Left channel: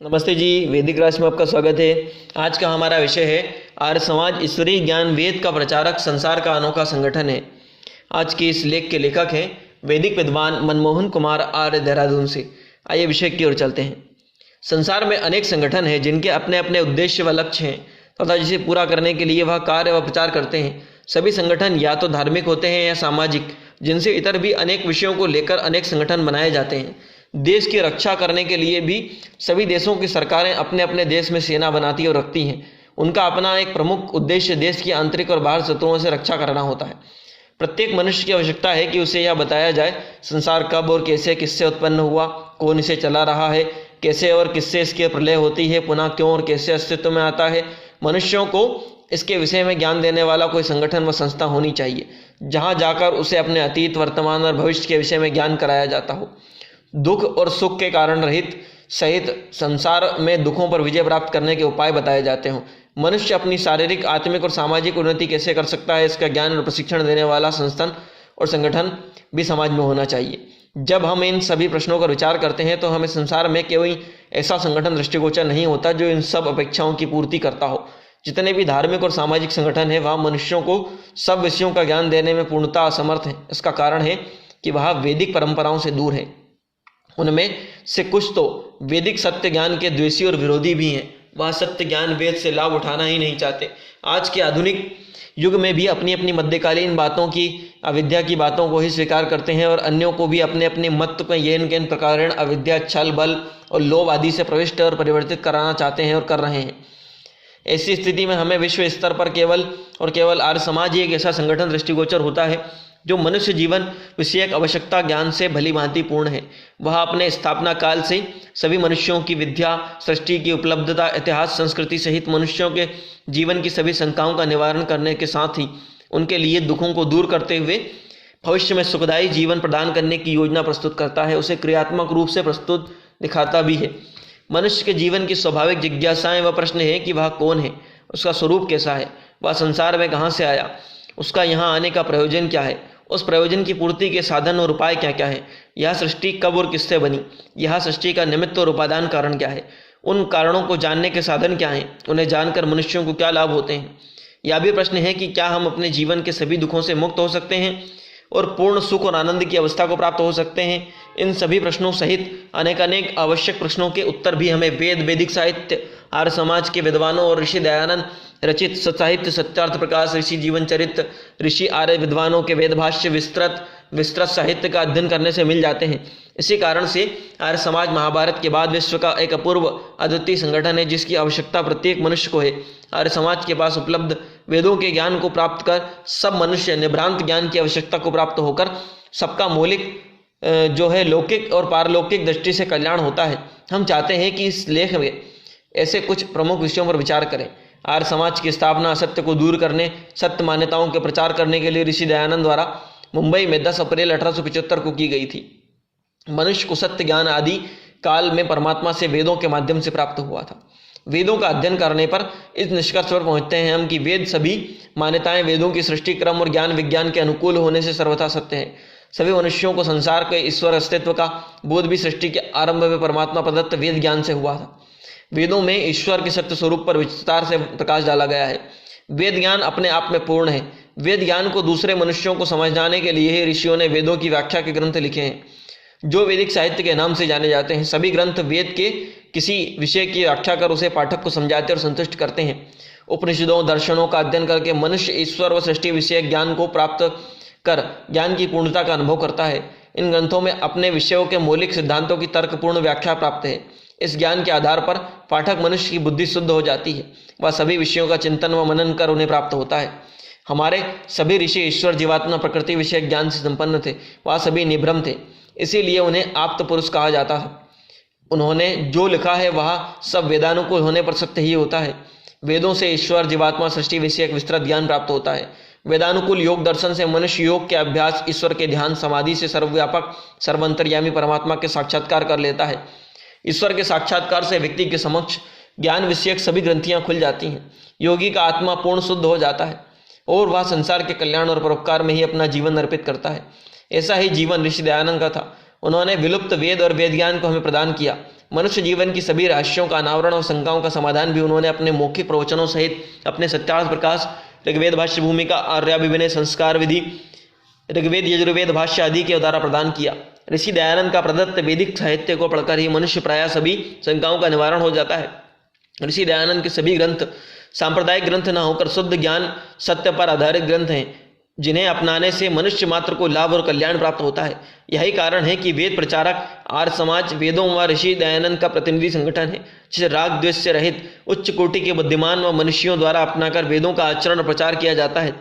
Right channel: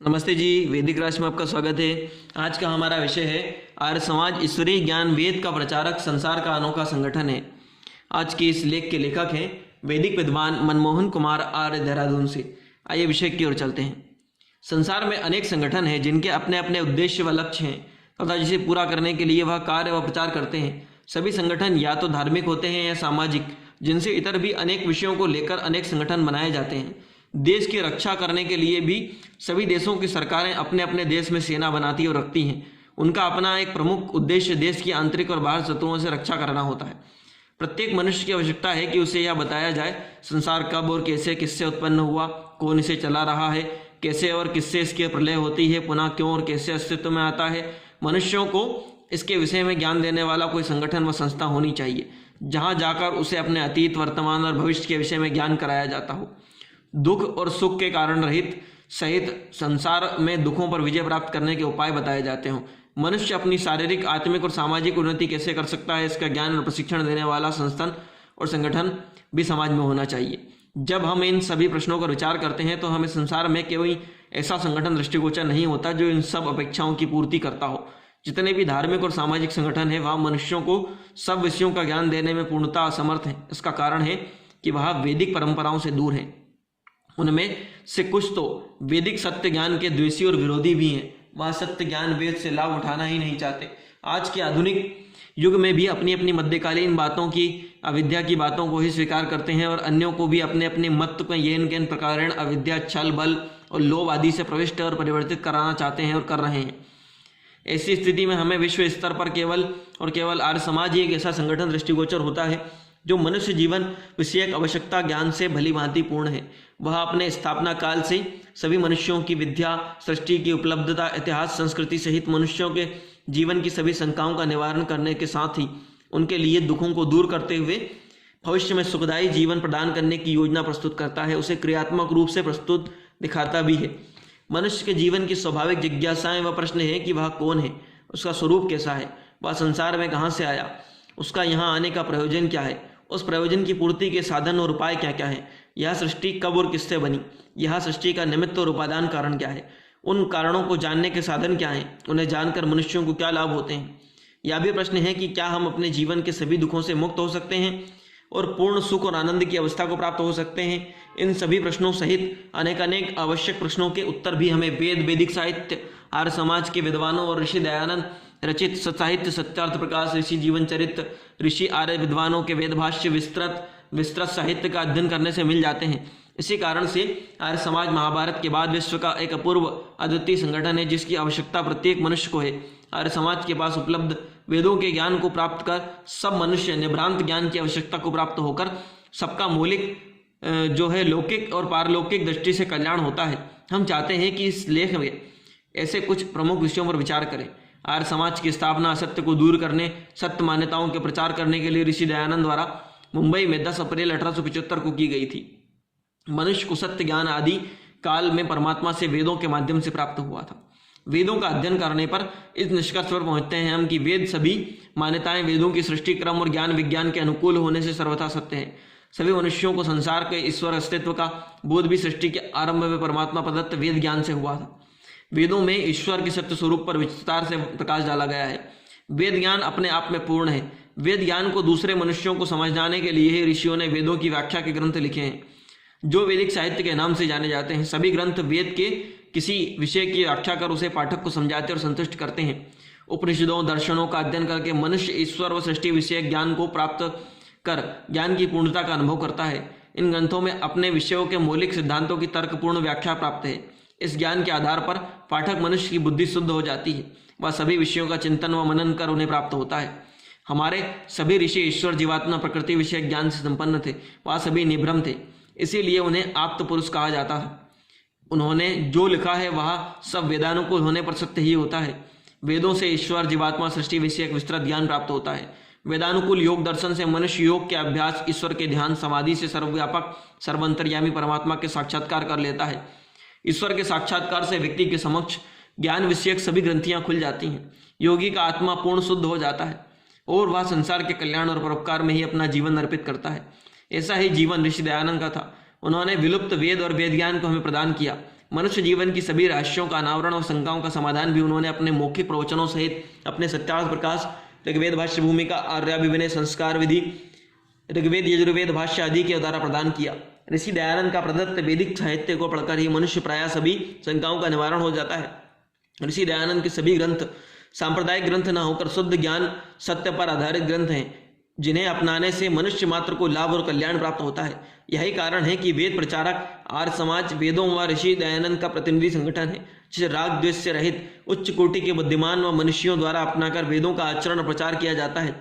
नमस्ते जी। वैदिक राशि में आपका स्वागत है। आज का हमारा विषय है आर्य समाज ईश्वरीय ज्ञान वेद का प्रचारक संसार का अनोखा संगठन है। आज के इस लेख के लेखक हैं वैदिक विद्वान मनमोहन कुमार आर्य, देहरादून से। आइए विषय की ओर चलते हैं। संसार में अनेक संगठन हैं जिनके अपने अपने उद्देश्य व लक्ष्य हैं तथा जिसे पूरा करने के लिए वह कार्य व प्रचार करते हैं। सभी संगठन या तो धार्मिक होते हैं या सामाजिक, जिनसे इतर भी अनेक विषयों को लेकर अनेक संगठन बनाए जाते हैं। देश की रक्षा करने के लिए भी सभी देशों की सरकारें अपने अपने देश में सेना बनाती और रखती हैं। उनका अपना एक प्रमुख उद्देश्य देश की आंतरिक और बाहर शत्रुओं से रक्षा करना होता है। प्रत्येक मनुष्य की आवश्यकता है कि उसे यह बताया जाए संसार कब और कैसे किससे उत्पन्न हुआ, कौन इसे चला रहा है, कैसे और किससे इसकी प्रलय होती है, पुनः क्यों और कैसे अस्तित्व में आता है। मनुष्यों को इसके विषय में ज्ञान देने वाला कोई संगठन व संस्था होनी चाहिए, जहाँ जाकर उसे अपने अतीत, वर्तमान और भविष्य के विषय में ज्ञान कराया जाता हो। दुख और सुख के कारण रहित सहित संसार में दुखों पर विजय प्राप्त करने के उपाय बताए जाते हों। मनुष्य अपनी शारीरिक, आत्मिक और सामाजिक उन्नति कैसे कर सकता है, इसका ज्ञान और प्रशिक्षण देने वाला संस्थान और संगठन भी समाज में होना चाहिए। जब हम इन सभी प्रश्नों पर विचार करते हैं तो हमें संसार में कोई ऐसा संगठन दृष्टिगोचर नहीं होता जो इन सब अपेक्षाओं की पूर्ति करता हो। जितने भी धार्मिक और सामाजिक संगठन हैं वह मनुष्यों को सब विषयों का ज्ञान देने में पूर्णतः असमर्थ हैं। इसका कारण है कि वह वैदिक परंपराओं से दूर हैं। उनमें से कुछ तो वैदिक सत्य ज्ञान के द्वेषी और विरोधी भी हैं। वह सत्य ज्ञान वेद से लाभ उठाना ही नहीं चाहते। आज के आधुनिक युग में भी अपनी अपनी मध्यकालीन बातों की, अविद्या की बातों को ही स्वीकार करते हैं और अन्यों को भी अपने अपने मत में येन केन प्रकारेण अविद्या, छल, बल और लोभ आदि से प्रविष्ट और परिवर्तित कराना चाहते हैं और कर रहे हैं। ऐसी स्थिति में हमें विश्व स्तर पर केवल आर्य समाज ही एक ऐसा संगठन दृष्टिगोचर होता है जो मनुष्य जीवन विषयक आवश्यकता ज्ञान से भली भांति पूर्ण है। वह अपने स्थापना काल से सभी मनुष्यों की विद्या, सृष्टि की उपलब्धता, इतिहास, संस्कृति सहित मनुष्यों के जीवन की सभी शंकाओं का निवारण करने के साथ ही उनके लिए दुखों को दूर करते हुए भविष्य में सुखदायी जीवन प्रदान करने की योजना प्रस्तुत करता है, उसे क्रियात्मक रूप से प्रस्तुत दिखाता भी है। मनुष्य के जीवन की स्वाभाविक जिज्ञासाएं व प्रश्न है कि वह कौन है, उसका स्वरूप कैसा है, वह संसार में कहाँ से आया, उसका यहाँ आने का प्रयोजन क्या है, उस प्रयोजन की पूर्ति के साधन और उपाय क्या क्या है, यह सृष्टि कब और किससे बनी, यह सृष्टि का निमित्त और उपादान कारण क्या है, उन कारणों को जानने के साधन क्या हैं, उन्हें जानकर मनुष्यों को क्या लाभ होते हैं। यह भी प्रश्न है कि क्या हम अपने जीवन के सभी दुखों से मुक्त हो सकते हैं और पूर्ण सुख और आनंद की अवस्था को प्राप्त हो सकते हैं। इन सभी प्रश्नों सहित अनेक आवश्यक प्रश्नों के उत्तर भी हमें वैदिक साहित्य, आर्य समाज के विद्वानों और ऋषि दयानंद रचित साहित्य सत्यार्थ प्रकाश, ऋषि जीवन चरित्र, ऋषि आर्य विद्वानों के वेद भाष्य, विस्तृत साहित्य का अध्ययन करने से मिल जाते हैं। इसी कारण से आर्य समाज महाभारत के बाद विश्व का एक अपूर्व अद्वितीय संगठन है जिसकी आवश्यकता प्रत्येक मनुष्य को है। आर्य समाज के पास उपलब्ध वेदों के ज्ञान को प्राप्त कर सब मनुष्य निभ्रांत ज्ञान की आवश्यकता को प्राप्त होकर सबका मौलिक जो है लौकिक और पारलौकिक दृष्टि से कल्याण होता है। हम चाहते हैं कि इस लेख में ऐसे कुछ प्रमुख विषयों पर विचार करें। आर्य समाज की स्थापना असत्य को दूर करने, सत्य मान्यताओं के प्रचार करने के लिए ऋषि दयानंद द्वारा मुंबई में 10 अप्रैल 1875 को की गई थी। मनुष्य को सत्य ज्ञान आदि काल में परमात्मा से वेदों के माध्यम से प्राप्त हुआ था। वेदों का अध्ययन करने पर इस निष्कर्ष पर पहुंचते हैं हम कि वेद सभी मान्यताएं वेदों की सृष्टि क्रम और ज्ञान विज्ञान के अनुकूल होने से सर्वथा सत्य है। सभी मनुष्यों को संसार के ईश्वर अस्तित्व का बोध भी सृष्टि के आरंभ में परमात्मा प्रदत्त वेद ज्ञान से हुआ था। वेदों में ईश्वर के सत्य स्वरूप पर विस्तार से प्रकाश डाला गया है। वेद ज्ञान अपने आप में पूर्ण है। वेद ज्ञान को दूसरे मनुष्यों को समझाने के लिए ही ऋषियों ने वेदों की व्याख्या के ग्रंथ लिखे हैं जो वैदिक साहित्य के नाम से जाने जाते हैं। सभी ग्रंथ वेद के किसी विषय की व्याख्या कर उसे पाठक को समझाते और संतुष्ट करते हैं। उपनिषदों, दर्शनों का अध्ययन करके मनुष्य ईश्वर व सृष्टि विषय ज्ञान को प्राप्त कर ज्ञान की पूर्णता का अनुभव करता है। इन ग्रंथों में अपने विषयों के मौलिक सिद्धांतों की तर्कपूर्ण व्याख्या प्राप्त है। इस ज्ञान के आधार पर पाठक मनुष्य की बुद्धि शुद्ध हो जाती है। वह सभी विषयों का चिंतन व मनन कर उन्हें प्राप्त होता है। हमारे सभी ऋषि ईश्वर, जीवात्मा, प्रकृति विषय ज्ञान से संपन्न थे। वह सभी निभ्रम थे, इसीलिए उन्हें आप्त पुरुष कहा जाता है। उन्होंने जो लिखा है वह सब वेदानुकूल होने पर सत्य ही होता है। वेदों से ईश्वर, जीवात्मा, सृष्टि विषयक विस्तृत ज्ञान प्राप्त होता है। वेदानुकूल योग दर्शन से मनुष्य योग के अभ्यास, ईश्वर के ध्यान, समाधि से सर्वव्यापक, सर्वंतर्यामी परमात्मा के साक्षात्कार कर लेता है। ईश्वर के साक्षात्कार से व्यक्ति के समक्ष ज्ञान विषयक सभी ग्रंथियां खुल जाती हैं। योगी का आत्मा पूर्ण शुद्ध हो जाता है और वह संसार के कल्याण और परोपकार में ही अपना जीवन अर्पित करता है। ऐसा ही जीवन ऋषि दयानंद का था। उन्होंने विलुप्त वेद और वेद ज्ञान को हमें प्रदान किया। मनुष्य जीवन की सभी रहस्यों का अनावरण और शंकाओं का समाधान भी उन्होंने अपने मौखिक प्रवचनों सहित अपने सत्यार्थ प्रकाश, ऋग्वेद भाष्य भूमिका, आर्याभिविनय, संस्कार विधि, ऋग्वेद यजुर्वेद भाष्य आदि के द्वारा प्रदान किया। ऋषि दयानंद का प्रदत्त वैदिक साहित्य को पढ़कर ही मनुष्य प्रायः सभी शंकाओं का निवारण हो जाता है। ऋषि दयानंद के सभी ग्रंथ सांप्रदायिक ग्रंथ न होकर शुद्ध ज्ञान सत्य पर आधारित ग्रंथ हैं, जिन्हें अपनाने से मनुष्य मात्र को लाभ और कल्याण प्राप्त होता है। यही कारण है कि वेद प्रचारक आर्य समाज वेदों व ऋषि दयानंद का प्रतिनिधि संगठन है, जिसे राग द्वेष से रहित उच्च कोटि के बुद्धिमान व मनुष्यों द्वारा अपनाकर वेदों का आचरण और प्रचार किया जाता है।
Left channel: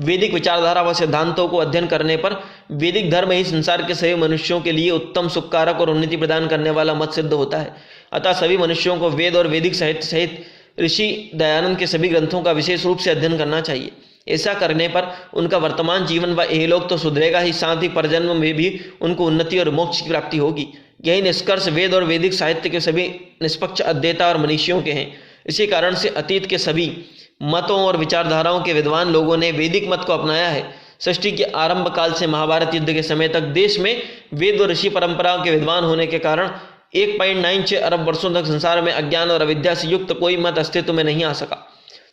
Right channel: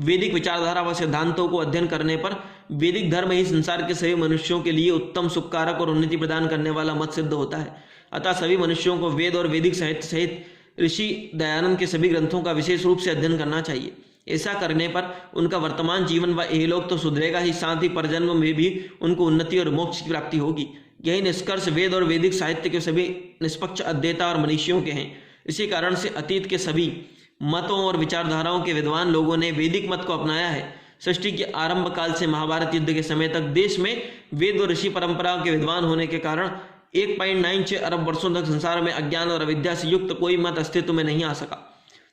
वैदिक विचारधारा व सिद्धांतों को अध्ययन करने पर वैदिक धर्म ही संसार के सभी मनुष्यों के लिए उत्तम सुखकारक और उन्नति प्रदान करने वाला मत सिद्ध होता है। अतः सभी मनुष्यों को वेद और वैदिक साहित्य सहित ऋषि दयानंद के सभी ग्रंथों का विशेष रूप से अध्ययन करना चाहिए। ऐसा करने पर उनका वर्तमान जीवन व इहलोक तो सुधरेगा ही, साथ ही परजन्म में भी उनको उन्नति और मोक्ष की प्राप्ति होगी। यही निष्कर्ष वेद और वैदिक साहित्य के सभी निष्पक्ष अध्येता और मनीषियों के हैं। इसी कारण से अतीत के सभी मतों और विचारधाराओं के विद्वान लोगों ने वैदिक मत को अपनाया है। सृष्टि के आरंभ काल से महाभारत युद्ध के समय तक देश में वेद और ऋषि परंपराओं के विद्वान होने के कारण 1.96 अरब वर्षों तक संसार में अज्ञान और अविद्या से युक्त कोई मत अस्तित्व में नहीं आ सका।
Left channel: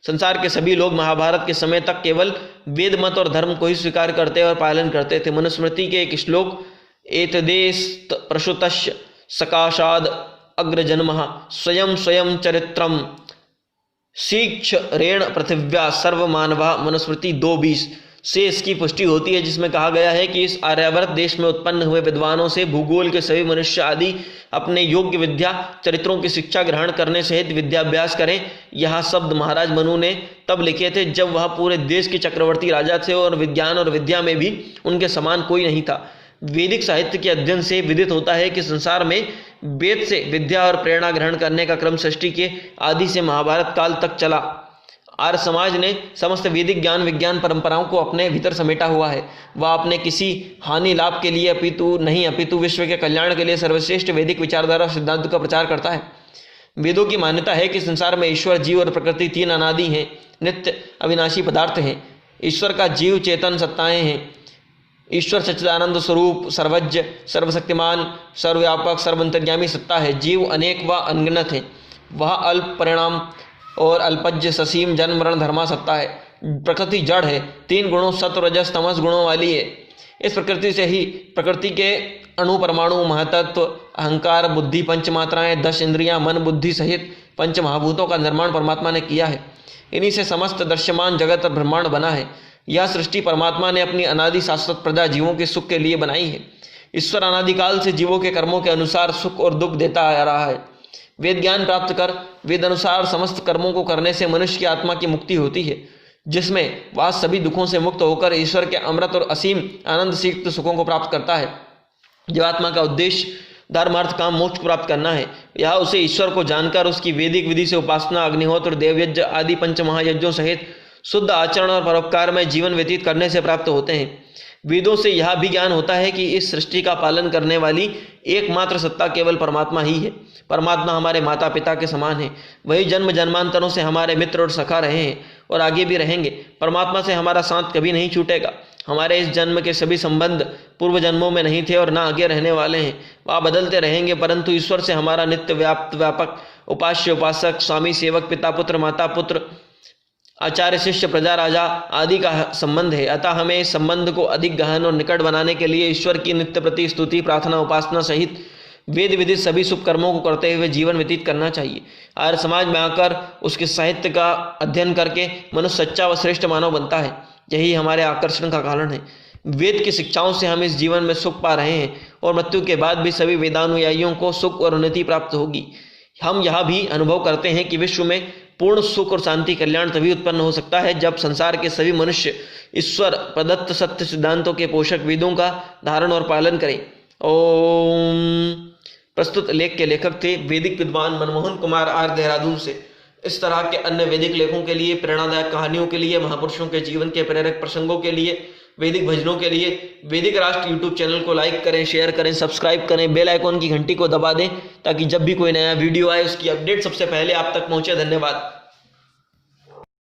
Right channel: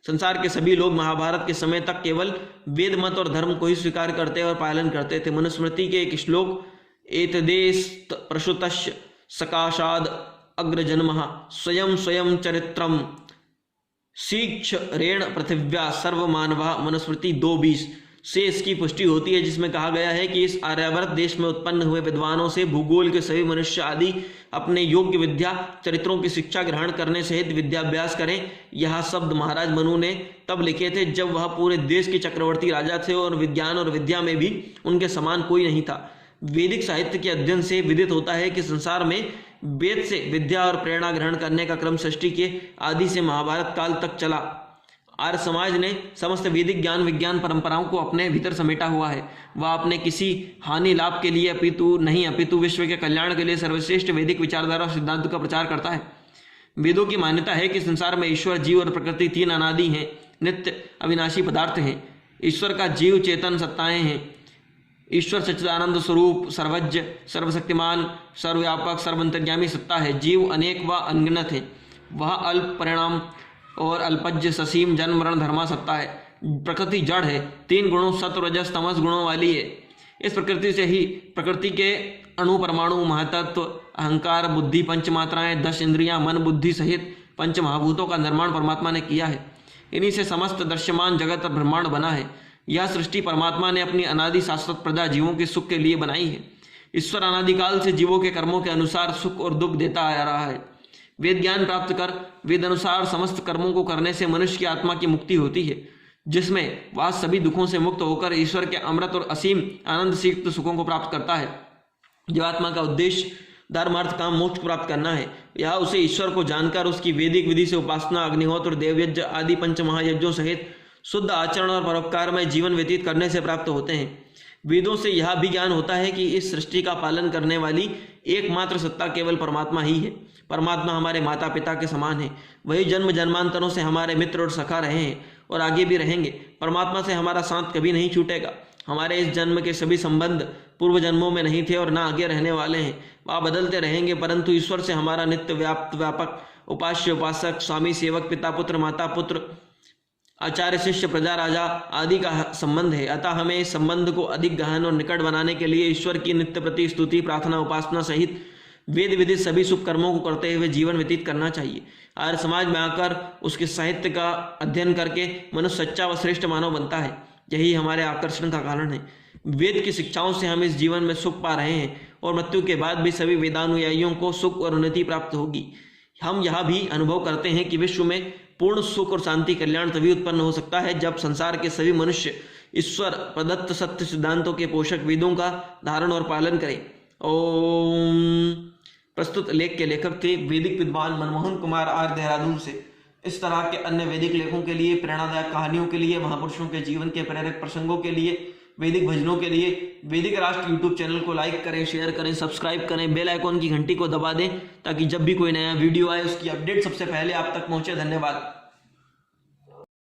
संसार के सभी लोग महाभारत के समय तक केवल वेद मत और धर्म को ही स्वीकार करते और पालन करते थे। मनुस्मृति के एक श्लोक एतदेस्त प्रसुतस्य सकाशाद अग्रजन्मः स्वयं स्वयं चरित्रम शीक्ष रेण पृथिव्या सर्वमानवा मनुस्मृति 2:20 से इसकी पुष्टि होती है, जिसमें कहा गया है कि इस आर्यावर्त देश में उत्पन्न हुए विद्वानों से भूगोल के सभी मनुष्य आदि अपने योग्य विद्या चरित्रों की शिक्षा ग्रहण करने सहित विद्याभ्यास करें। यह शब्द महाराज मनु ने तब लिखे थे जब वह पूरे देश के चक्रवर्ती राजा थे और विज्ञान और विद्या में भी उनके समान कोई नहीं था। वैदिक साहित्य के अध्ययन से विदित होता है कि संसार में वेद से विद्या और प्रेरणा ग्रहण करने का क्रम सृष्टि के आदि से महाभारत काल तक चला। आर्य समाज ने समस्त वैदिक ज्ञान विज्ञान परंपराओं को अपने भीतर समेटा हुआ है। वह अपने किसी हानि लाभ के लिए अपितु विश्व के कल्याण के लिए सर्वश्रेष्ठ वैदिक विचारधारा और सिद्धांतों का प्रचार करता है। वेदों की मान्यता है कि संसार में ईश्वर, जीव और प्रकृति तीन अनादि हैं, नित्य अविनाशी पदार्थ हैं। ईश्वर का जीव चेतन सत्ताएं हैं। ईश्वर सच्चिदानंद स्वरूप, सर्वज्ञ, सर्वशक्तिमान, सर्वव्यापक, सर्वंतर्यामी सत्ता है। जीव अनेक व अनगिनत है। वह अल्प परिणाम और अल्पज्य, ससीम, जन्म मरण धर्मा सत्ता है। प्रकृति जड़ है, 3 गुणों सत्व रजस तमस गुणों वाली है। इस प्रकृति से ही प्रकृति के अणु परमाणु महातत्व अहंकार बुद्धि पंचमात्राएं 10 इंद्रियां मन बुद्धि सहित पंच महाभूतों का निर्माण परमात्मा ने किया है। इन्हीं से समस्त दृश्यमान जगत और ब्रह्मांड बना है। यह सृष्टि परमात्मा ने अपनी अनादि शाश्वत प्रजा जीवों के सुख के लिए बनाई है। ईश्वर अनादिकाल से जीवों के कर्मों के अनुसार सुख और दुख देता आ रहा है। वेद ज्ञान प्राप्त कर वेद अनुसार समस्त कर्मों को करने से मनुष्य की आत्मा की मुक्ति होती है, जिसमें वह सभी दुखों से मुक्त होकर ईश्वर के अमृत और असीम आनंद से युक्त सुखों को प्राप्त करता है। जीवात्मा का उद्देश्य धर्म अर्थ काम मोक्ष प्राप्त करना है। यह उसे ईश्वर को जानकर उसकी वैदिक विधि से उपासना, अग्निहोत्र, देवयज्ञ आदि पंच महायज्ञों सहित शुद्ध आचरण और परोपकार में जीवन व्यतीत करने से प्राप्त होते हैं। वेदों से यह भी ज्ञान होता है कि इस सृष्टि का पालन करने वाली एकमात्र सत्ता केवल परमात्मा ही है। परमात्मा हमारे माता पिता के समान है। वही जन्म जन्मांतरों से हमारे मित्र और सखा रहे हैं और आगे भी रहेंगे। परमात्मा से हमारा साथ कभी नहीं छूटेगा। हमारे इस जन्म के सभी संबंध पूर्व जन्मों में नहीं थे और ना आगे रहने वाले हैं। वह बदलते रहेंगे, परंतु ईश्वर से हमारा नित्य व्यापक उपास्य उपासक, स्वामी सेवक, पिता पुत्र, माता पुत्र, आचार्य शिष्य, प्रजा राजा आदि का संबंध है। अतः हमें इस संबंध को अधिक गहन और निकट बनाने के लिए ईश्वर की नित्य प्रति स्तुति, प्रार्थना, उपासना सहित वेद विदित सभी शुभ कर्मों को करते हुए जीवन व्यतीत करना चाहिए। आर्य समाज में आकर उसके साहित्य का अध्ययन करके मनुष्य सच्चा व श्रेष्ठ मानव बनता है। यही हमारे आकर्षण का कारण है। वेद की शिक्षाओं से हम इस जीवन में सुख पा रहे हैं और मृत्यु के बाद भी सभी वेदानुयायियों को सुख और उन्नति प्राप्त होगी। हम यह भी अनुभव करते हैं कि विश्व में पूर्ण सुख और शांति कल्याण तभी उत्पन्न हो सकता है जब संसार के सभी मनुष्य ईश्वर प्रदत्त सत्य सिद्धांतों के पोषक वेदों का धारण और पालन करें। ओम। प्रस्तुत लेख के लेखक थे वैदिक विद्वान मनमोहन कुमार आर्य, देहरादून से। इस तरह के अन्य वैदिक लेखों के लिए, प्रेरणादायक कहानियों के लिए, महापुरुषों के जीवन के प्रेरक प्रसंगों के लिए, वैदिक भजनों के लिए वैदिक राष्ट्र यूट्यूब चैनल को लाइक करें, शेयर करें, सब्सक्राइब करें, बेल आइकॉन की घंटी को दबा दें ताकि जब भी कोई नया वीडियो आए उसकी अपडेट सबसे पहले आप तक पहुंचे। धन्यवाद।